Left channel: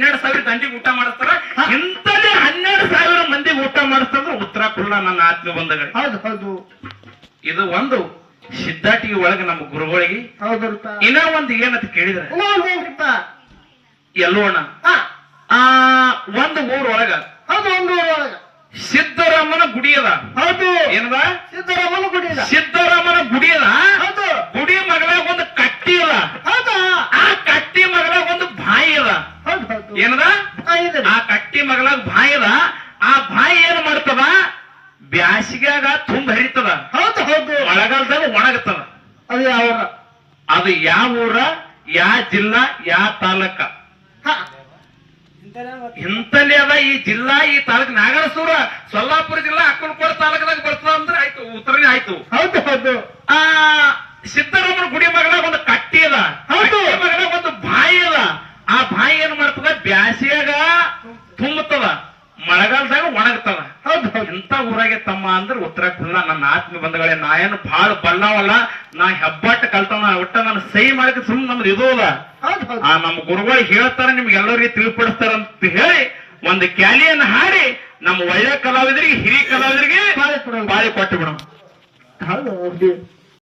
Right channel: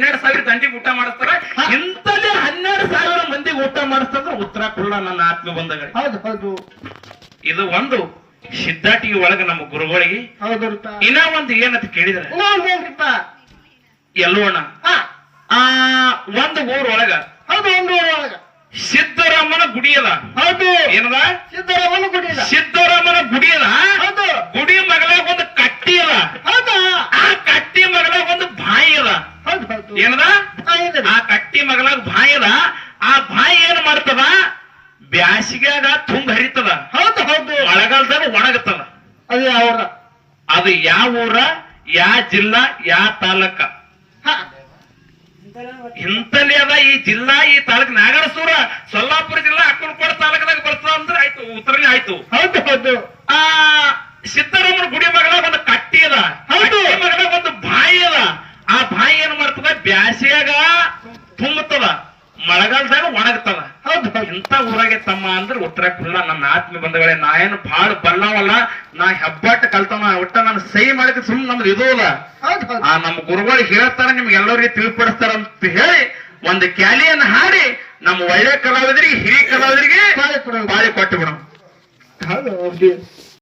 12,000 ದಂಡಿಗೆ ಊಟ ಮಾಡಿಸ್ತಾರ. ಇಂಥದೇ 12,000 ಮಂದಿಗೆ ಊಟ ಮಾಡಿಸ್ತಾರ ಉತ್ತರ ಕುಲ್ಲ ನನ್ನ ಆತ್ಮ ಬಂಧಗಳೇ. ಹೌದು ಹೌದು ಇದು ಒಂದು ಸಿದ್ಧಾಟಿಗೆ ಒಳಗ ನಮ್ಮ ಗುರುಗಳಿಗೆ. ಹೌದಲ್ಪ. ಇನ್ನ ಒಂದು ಏನಂತ ಕೇಳಿದ್ರೆ ಇನ್ನೊಂದೇನ್ರಿಪ್ಪ? ಎಲ್ಲೋಣ ಹಾ ಒಂದು ಊರೊಳಗ ಹೌದು ಒಂದು ಒಳಗ ಸಿದ್ದರಾಮನ ಗುಡಿ ಅದ. ಹೌದು ಏನದ? ಸಿದ್ದರಾಮನ ಗುಡಿ ಅದ. ಸಿದ್ದರಾಮನ ಗುಡಿ ಅದ. ಹೌದು ಗುಡಿ ಮಗಲಾಗ ಒಂದು ಕಟ್ಟಿ ಅದ. ಹೌದು ಆ ಕಟ್ಟಿ ಮಗಲಾಗ ಒಂದು ಬಾಯಿ ಅದ. ಹೌದು ಹೌದು ಏನದ? ಇದೆ. ಆ ಕಟ್ಟಿ ಮಗಲಾಗ ಬಾಯಿ ಅದ. ಆ ಬಾಯಿ ಏನ್ ಮಾಡ್ತದ? ಬ್ಯಾಸಿಗ್ಯಾಗ ತುಂಗ ಹರಿತದ. ಹೌದು ಹೌದು ಮಳೆಗಾಲದಾಗ ಒಣಗತದ. ಅದು ಯಾವ ಅದು ಯಾವ ಊರ, ಯಾವ ಜಿಲ್ಲಾ, ಯಾವ ತಾಲೂಕ? ಇಂತಲ್ಲಿ ಅದ ಈ ಜಿಲ್ಲಾ, ಈ ತಾಲೂಕ್. ನಾಗರಸೂರ ಸೊಲ್ಲಾಪುರ ಜಿಲ್ಲಾ ಅಕ್ಕಲಕೋಟೆ ತಾಲೂಕದಾಗ ಬರ್ತದ ಅಂದ್ರೆ ಆಯ್ತು, ಉತ್ತರನೇ ಆಯ್ತು. ಹೌದು ಹೌದು ಆ ಸಿದ್ದರಾಮನ ಗುಡಿ ಮಗಲಾಗ ಒಂದು ಕಟ್ಟಿ ಅದ. ಹೌದು. ಕಟ್ಟಿ ಮಗಲಾಗ ಒಂದು ಬಾಯಿ ಅದ. ಆ ಬಾಯಿ ಏನ್ ಮಾಡ್ತದ? ಬ್ಯಾಸಿಯಾಗ ತುಂಬತದ, ಮಳೆಗಾಲದಾಗ ಒಣಗ್ತದ. ಹೌದು ಹೌದು ಇಂತ ಊರಾಗೆ ತಮ್ಮ ಅಂದ್ರೆ ಉತ್ತರ ಕುಲ್ಲ ನನ್ನ ಆತ್ಮ ಬಂಧಗಳೇ. ನಾ ಏನು ಬಾಳ ಬಲ್ಲವಲ್ಲ, ನಾ ಹೆಬ್ಬಟ್ಟು ಕಲ್ತವ. ಒಟ್ಟ ನಾನು ಸಹಿ ಮಾಡಕ್ಕೆ ಸುಮ್ಮನೆ ನಮ್ದು ಇದು ಅದ. ಹೌದು ಹೌದು ಆ ನಮ್ಮ ಗುರುಗಳು ಹೇಳ್ತಾರ, ನಿಮ್ಗೆ ಎಲ್ಲರಿಗೆ ತಿಳಿಪಡಿಸ್ತಾರ ಅಂತ ಹೇಳಿ ಒಂದು ಕ್ಯಾಲಿಯನ್ನು ಹಾಡಿ ನಮ್ಮ ಒಳ್ಳೆ ಕಲಾವಿದರಿಗೆ, ಹಿರಿಯ ಕಲಾವಿದರಿಗೆ ಬಾಳೆ ಕೊಡೋಣ. ಬಾಳಿ ಕೊಟ್ಟು ಬಿಡೋಣ. ಹೌದು ಹೌದು